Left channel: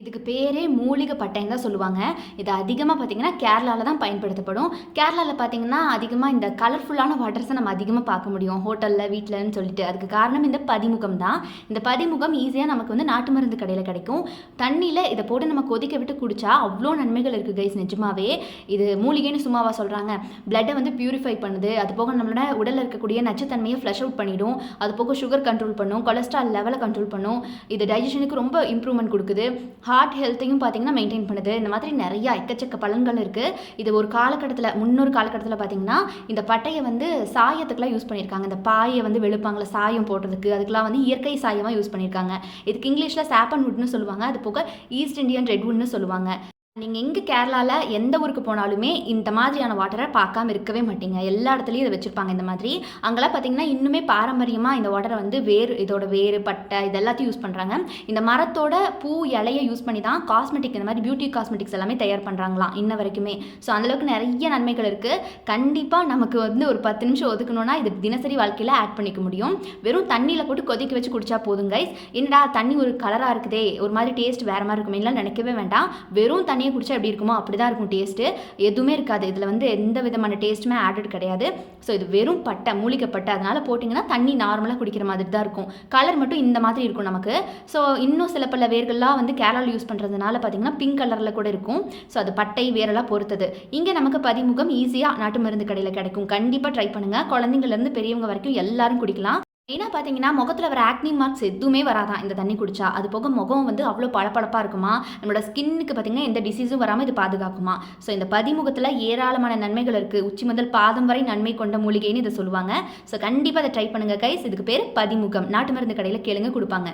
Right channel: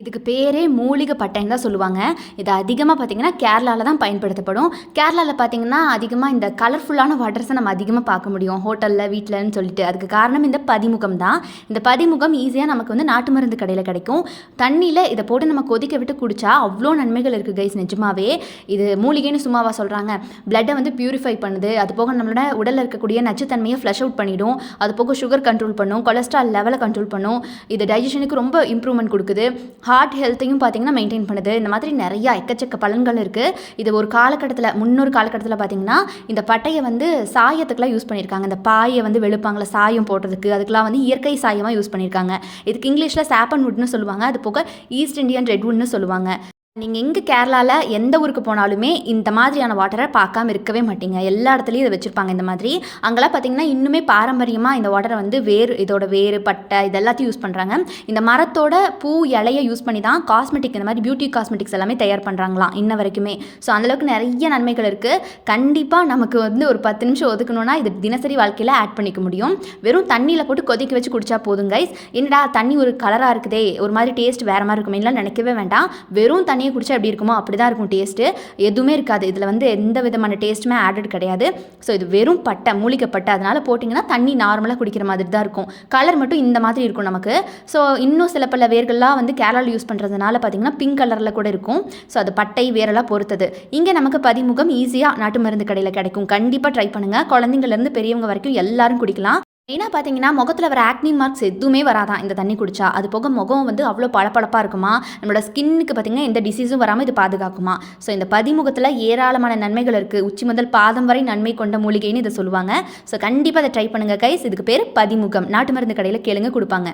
இதுக்கு பேரே மூலிகை பட்டைன்னு தான் சொல்லுவாங்க. இது அதிகமாக பார்த்தீங்கன்னா கேரளாவில் தான் பயன்படுத்தப்படும். கேரளாவில் பார்த்தீங்கன்னா அதிகமாக இந்த கலர்ஃபுல்லான வாட்டர்ஸை நம்ம அதிகமாக பார்க்க முடியும். ஹோட்டலில் வீட்டில்னு சொல்லிட்டு. அதுக்கு காரணம் இந்த பதிமுகம் தான். இந்த பதிமுகம் ஈஸியாக நமக்கு வந்து நாட்டு மருந்து கடையில் கிடைக்கும். தண்ணியில் இதை போட்டு நம்ம கொதிக்க விட்டு குடித்தா அவ்வளோ நன்மைகள் இருக்குது கைஸ் நிஜமாவே. இது மூலிகைன்னு சும்மாவா சொல்கிறாங்க பிளட்டை வந்து பியூரிஃபை பண்ணுது. அது போக நம்மளோட உடலில் இருக்கக்கூடிய நச்சுத்தன்மையை ஃப்ளஷ் அவுட் பண்ணிடும். அது போக சுகர் கண்ட்ரோல் பண்ணும். கொலஸ்ட்ரால் லெவலை கண்ட்ரோல் பண்ணும். இது டைஜஷனுக்கு ரொம்ப இம்ப்ரூவ்மெண்ட் கொடுக்குது. ஹார்ட் ஹெல்த்தையும் பார்த்தீங்கன்னா மெயின்டைன் பண்ணுது. இந்த மாதிரி நிறையா எக்கச்சக்க பலன்கள் இருக்குது இது ஒரு காலகட்டத்தில் முன்னொரு காலகட்டத்தில் பார்த்தீங்கன்னா இந்த பட்டையை வந்து சாயத்துக்குலாம் யூஸ் பண்ணியிருக்காங்க இந்த பாயை வந்து வெளுப்பாங்களே சாயம் போடுறதுக்கு. அதுக்கெலாம் வந்து இயற்கை சாயமாக யூஸ் பண்ணியிருக்காங்க இதுக்கு இங்கிலீஷில் சாப்பன் வுட்னு சொல்லுவாங்க. அது போக ஈஸ்ட் இந்தியன் ரெட்வுட்னு சொல்லுவாங்க. நீங்கள் எங்கே கேரளாவில் எந்த ஊருக்கு போனாலுமே இந்த மாதிரியான வாட்டரை பார்க்காம இருக்கவே மாட்டீங்க. எல்லா இடத்துலையும் இதை வச்சுருப்பாங்க இந்த மாதிரி. அங்கெல்லாம் பார்த்தீங்கன்னா இன்னுமே பாரம்பரியமாக இந்த வாட்டரை வந்து வேர் இதோட வேறு பட்டை இதெல்லாத்தையும் யூஸ் பண்ணுறாங்க இந்த மரத்தோட பூ இலையை யூஸ் பண்ணி தான் காஸ்மெட்டிக் இந்த மாதிரி பியூட்டி காஸ்மெட்டிக்ஸ் எல்லாமே தயார் பண்ணுறாங்களாம் இன்ன வரைக்குமே. ஸோ அந்தளவுக்கு நிறைய நன்மைகள் இருக்குது கண்டிப்பாக நமக்கு வந்து ஒரு பத்து நிமிஷம் ஒதுக்கணும்னா இது தினசரி வாழ்க்கையில் ஆட் பண்ணிக்க முடியும். வெறும் தண்ணியில் போட்டு கொதிக்க வச்சு குடிச்சா போதும் கைஸ் என்னடா தண்ணி ஒரு கலராக இருக்குதே ஒரு மாதிரி டேஸ்ட் வேறு மாதிரி இருக்குமேலாம் நினைக்கவே வேண்டாம். வெறும் தண்ணி தண்ணியை குடிச்சா எப்படி இருக்குமோ அப்படி தான் இருக்கும் டேஸ்ட்டு எதுவுமே இருக்காது. இதில் வந்து எந்த விதமான டேஸ்ட்டுமே ஆடட் கிடையாது. ஸோ இது வெறும் பட்டை மூலிகை பட்டை. அதனால் போட்டிங்கன்னா தண்ணி நார்மலாக குடிக்கிற மாதிரி தான் இருக்கும். கலர் மட்டும் இந்த மாதிரி இருக்கும் நமக்கு. ஸோ இன்னும் சில பல வேர்கள்லாம் வந்து கேரளாவில் யூஸ் பண்ணுறதுனால பார்த்தீங்கன்னா பிங்க் கலரில் கூட இருக்கும். ஸோ அது பட்டை வேரெல்லாம் பொறுத்தது. இங்கே நமக்கு பதிமுகம் ஈஸியாக நாட்டு மருந்து கடையில் கிடைக்கும். கண்டிப்பாக ட்ரை பண்ணுங்கள் குழந்தைங்கள்லேருந்து பெரியவங்க வரைக்கும் எல்லாரும் குடிக்கலாம். மெயினாக பார்த்தீங்கன்னா முகத்தில் வர ஆக்னி மார்க்ஸ் எதுவுமே வராதான் இந்த தண்ணி குடிச்சா? அது போக முகம் வந்து அவ்வளோ பளபளப்பாக இருக்குமா? நம்மளோட ஸ்கின்னுக்கு பார்த்தீங்கன்னா எந்த டிசீஸும் வராமல் இது பாதுகாக்குமா? ஸோ இந்த பதிமுகத்தில் ஏராளமான நன்மைகள் இருக்குது உச்சி முதல் பாதம் வரை நன்மை கொண்ட மூலிகைன்னு இதை சொல்லுவாங்க. ஸோ கண்டிப்பாக அதை ட்ரை பண்ணுங்கள் கைஸ் இதுக்கு பேர் பதிமுகம். நாட்டு மருந்து கடையில் கேளுங்க கொடுப்பாங்க.